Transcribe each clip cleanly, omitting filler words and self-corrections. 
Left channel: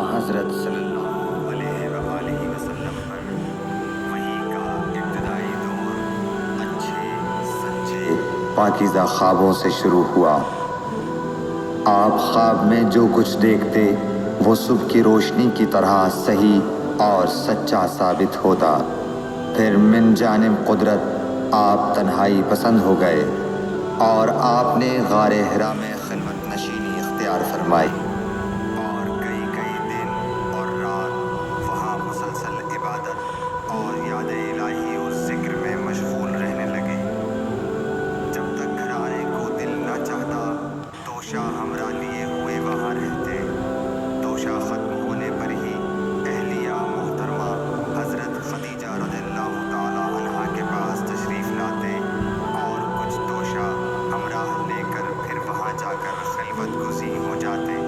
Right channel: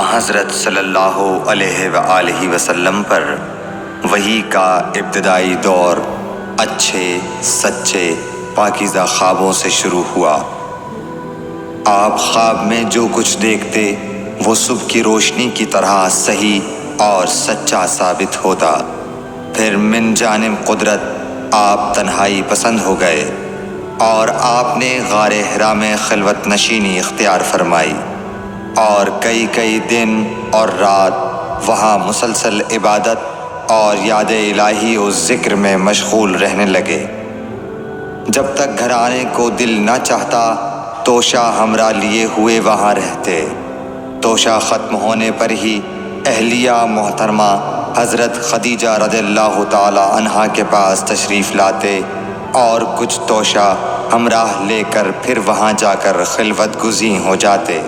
حضرت صلی اللہ علیہ وآلہ وسلم پر وحی کا ابتدائی دور اچھے سچے پاکیزہ خوابوں سے شروع ہوا۔ آپ خواب میں جو کچھ دیکھتے وہ صبح کی روشنی کی طرح صحیح اور سچا ثابت ہوتا۔ پھر من جانب قدرت آپ تنہائی پسند ہو گئے اور آپ نے غار حرا میں خلوت نشینی اختیار فرمائی اور کئی دن اور رات وہاں مسلسل عبادت اور یاد الہی و ذکر میں مشغول رہنے لگے۔ جب تک گھر آنے کو دل نہ چاہتا توشہ ہمراہ لیے ہوئے وہاں رہتے۔ توشہ ختم ہونے پر ہی اہلیہ محترمہ حضرت خدیجہ رضی اللہ تعالی عنہا کے پاس تشریف لاتے اور کچھ توشہ ہمراہ لے کر پھر وہاں جا کر خلوت گزین ہو جاتے۔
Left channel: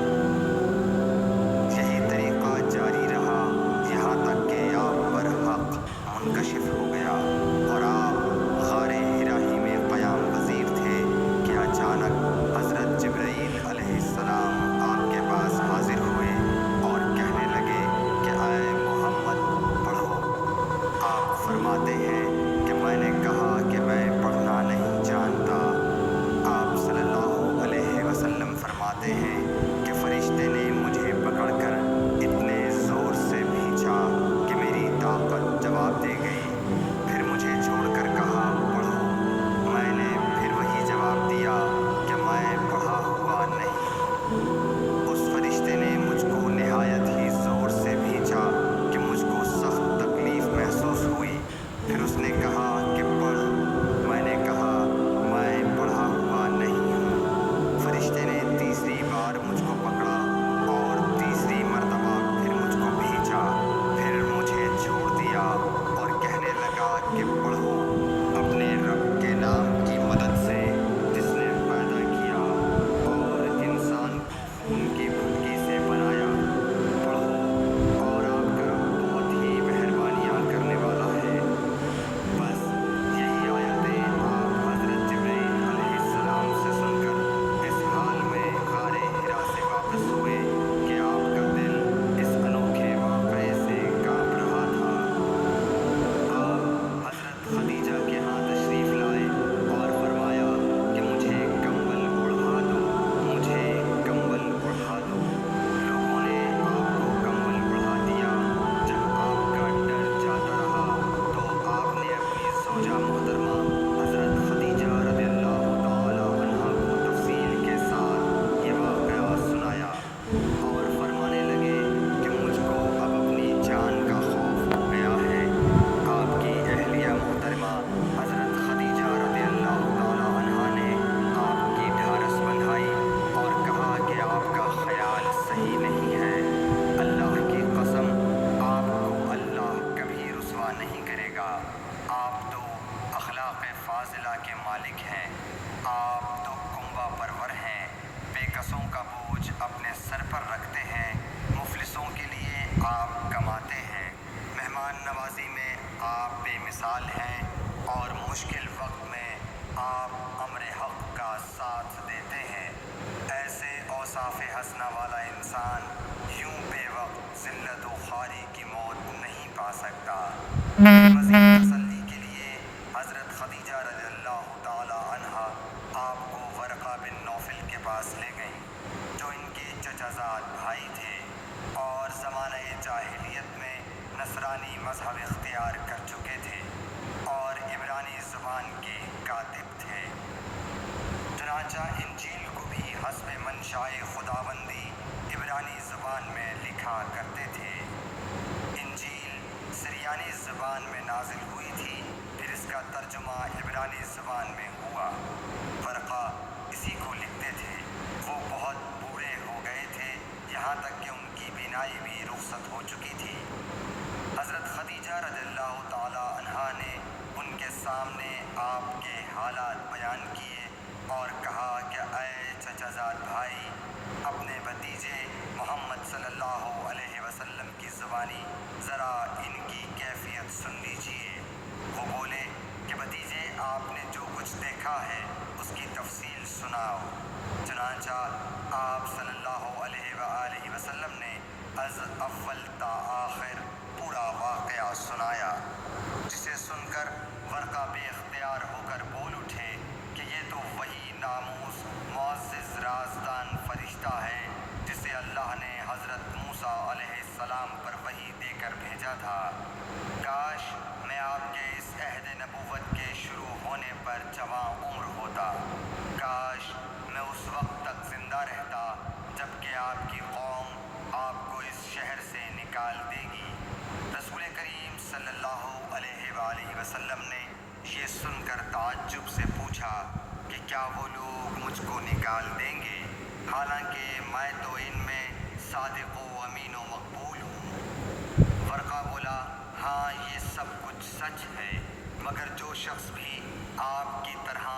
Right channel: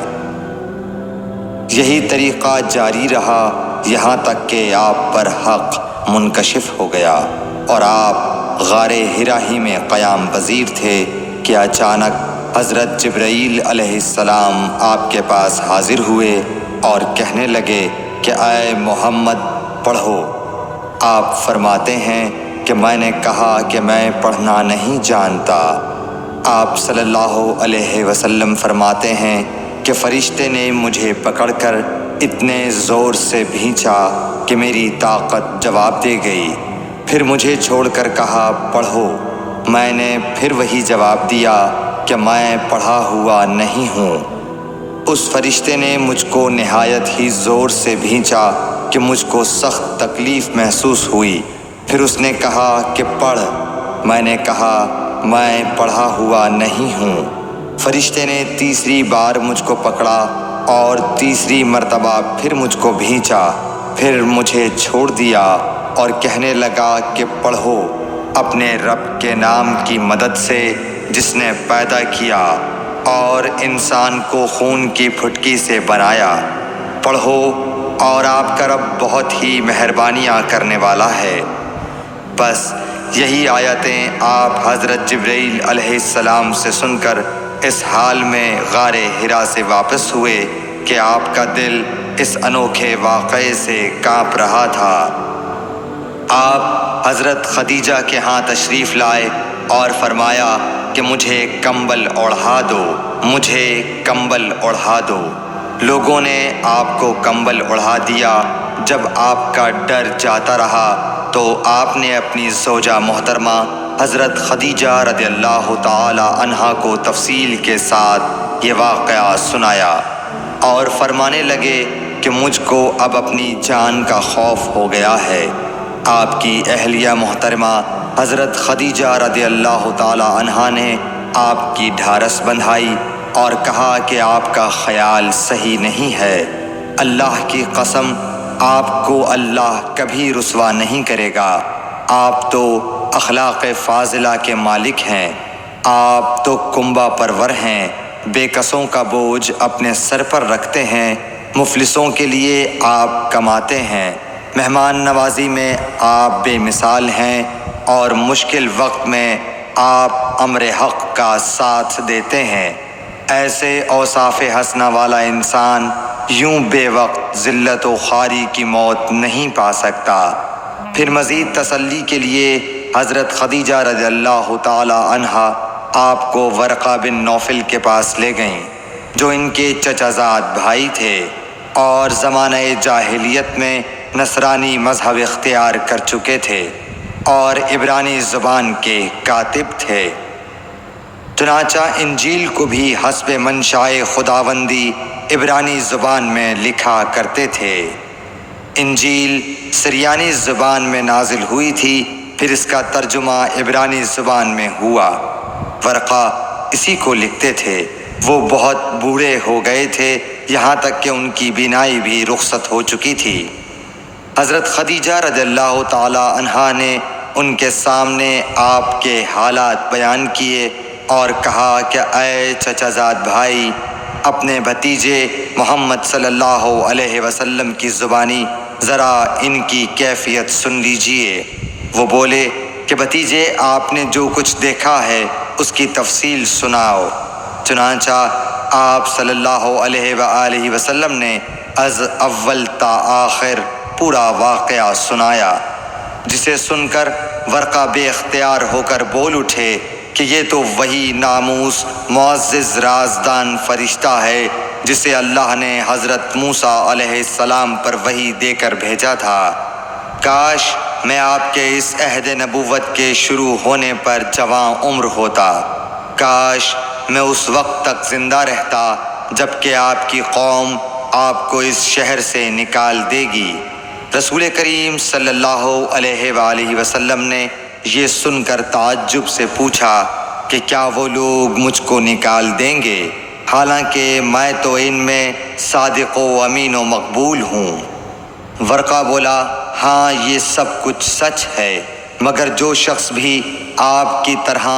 یہی طریقہ جاری رہا یہاں تک کہ آپ پر حق منکشف ہو گیا اور آپ غار حرا ہی میں قیام پذیر تھے کہ اچانک حضرت جبرائیل علیہ السلام آپ کے پاس حاضر ہوئے اور کہنے لگے کہ اے محمد پڑھو۔ آپ فرماتے ہیں کہ میں نے کہا کہ میں پڑھنا نہیں جانتا۔ آپ صلی اللہ علیہ وسلم فرماتے ہیں کہ فرشتے نے مجھے پکڑ کر اتنے زور سے بھینچا کہ میری طاقت جواب دے گئی۔ پھر مجھے چھوڑ کر کہا پڑھو۔ میں نے پھر وہی جواب دیا کہ میں پڑھا ہوا نہیں ہوں۔ اس فرشتے نے مجھ کو نہایت ہی زور سے بھینچا کہ مجھ کو سخت تکلیف محسوس ہوئی۔ پھر اس نے کہا کہ پڑھ۔ میں نے کہا میں پڑھا ہوا نہیں ہوں۔ فرشتے نے تیسری بار مجھ کو پکڑا اور تیسری مرتبہ پھر مجھ کو بھینچا۔ پھر مجھے چھوڑ دیا اور کہنے لگا کہ پڑھو اپنے رب کے نام کی مدد سے جس نے پیدا کیا اور انسان کو خون کی پھٹکی سے بنایا۔ پڑھو اور آپ کا رب بہت ہی مہربانیاں کرنے والا ہے۔ بس یہی آیتیں آپ حضرت جبرائیل علیہ السلام سے سن کر اس حال میں غار حرا سے واپس ہوئے کہ آپ کا دل اس انوکھے واقعے سے کانپ رہا تھا۔ آپ حضرت خدیجہ کے ہاں تشریف لائے اور فرمایا کہ مجھے کمبل اوڑھا دو، مجھے کمبل اوڑھا دو۔ لوگوں نے آپ کو کمبل اوڑھا دیا۔ جب آپ کا ڈر جاتا رہا تو آپ نے اپنی زوجہ محترمہ حضرت خدیجہ رضی اللہ تعالی عنہا کو تفصیل کے ساتھ یہ واقعہ سنایا اور فرمانے لگے کہ مجھ کو اب اپنی جان کا خوف ہو گیا ہے۔ آپ کی اہلیہ محترمہ حضرت خدیجہ رضی اللہ تعالی عنہا نے آپ کی ڈھارس بندھائی اور کہا کہ آپ کا خیال صحیح نہیں ہے۔ اللہ کی قسم آپ کو اللہ کبھی رسوا نہیں کرے گا۔ آپ تو اخلاق فاضلہ کے مالک ہیں۔ آپ تو کنبہ پرور ہیں، بے کسوں کا بوجھ اپنے سر پر رکھتے ہیں، مفلسوں کے لیے آپ کماتے ہیں، مہمان نوازی میں آپ بے مثال ہیں اور مشکل وقت میں آپ امر حق کا ساتھ دیتے ہیں۔ ایسے اوصاف حسنہ والا انسان یوں بے وقت ذلت و خواری کی موت نہیں پا سکتا۔ پھر مزید تسلی کے لیے حضرت خدیجہ رضی اللہ تعالی عنہا آپ کو ورقہ بن نوفل کے پاس لے گئیں جو ان کے چچا زاد بھائی تھے اور زمانہ جاہلیت میں نصرانی مذہب اختیار کر چکے تھے اور عبرانی زبان کے کاتب تھے۔ چنانچہ انجیل کو بھی حسب منشائے خداوندی عبرانی زبان میں لکھا کرتے تھے۔ انجیل سریانی زبان میں نازل ہوئی تھی، پھر اس کا ترجمہ عبرانی زبان میں ہوا۔ ورقہ اسی کو لکھتے تھے۔ وہ بہت بوڑھے ہو گئے تھے، یہاں تک کہ ان کی بینائی بھی رخصت ہو چکی تھی۔ حضرت خدیجہ رضی اللہ تعالی عنہا نے ان کے سامنے آپ کے حالات بیان کیے اور کہا کہ اے چچا زاد بھائی، اپنے بھتیجے محمد صلی اللہ علیہ وسلم کی زبانی ذرا ان کی کیفیت سن لیجئے۔ وہ بولے کہ بھتیجے آپ نے جو کچھ دیکھا ہے اس کی تفصیل سناؤ۔ چنانچہ آپ صلی اللہ علیہ وآلہ وسلم نے از اول تا آخر پورا واقعہ سنایا، جسے سن کر ورقہ بے اختیار ہو کر بول اٹھے کہ یہ تو وہی ناموس معزز رازدان فرشتہ ہے جسے اللہ نے حضرت موسیٰ علیہ السلام پر وحی دے کر بھیجا تھا۔ کاش میں آپ کے اس عہد نبوت کے شروع ہونے پر جواں عمر ہوتا، کاش میں اس وقت تک زندہ رہتا جب کہ آپ کی قوم آپ کو اس شہر سے نکال دے گی۔ رسول کریم صلی اللہ علیہ وآلہ وسلم نے یہ سن کر تعجب سے پوچھا کہ کیا وہ لوگ مجھ کو نکال دیں گے، حالانکہ میں تو ان میں صادق و امین و مقبول ہوں؟ ورقہ بولا، ہاں یہ سب کچھ سچ ہے، مگر جو شخص بھی آپ کی طرح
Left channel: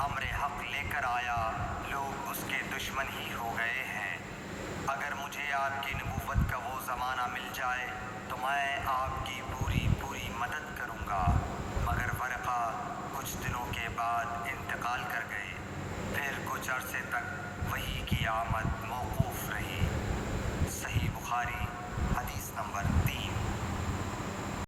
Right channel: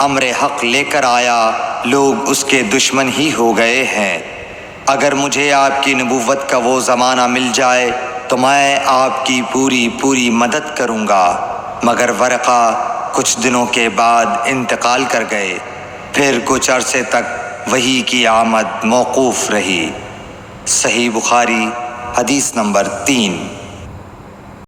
امر حق لے کر آیا لوگ اس کے دشمن ہی ہو گئے ہیں۔ اگر مجھے آپ کی نبوت کا وہ زمانہ مل جائے تو میں آپ کی پوری مدد کروں گا، مگر ورقہ کچھ دنوں کے بعد انتقال کر گئے، پھر کچھ عرصے تک وحی کی آمد موقوف رہی۔ صحیح بخاری حدیث نمبر 3۔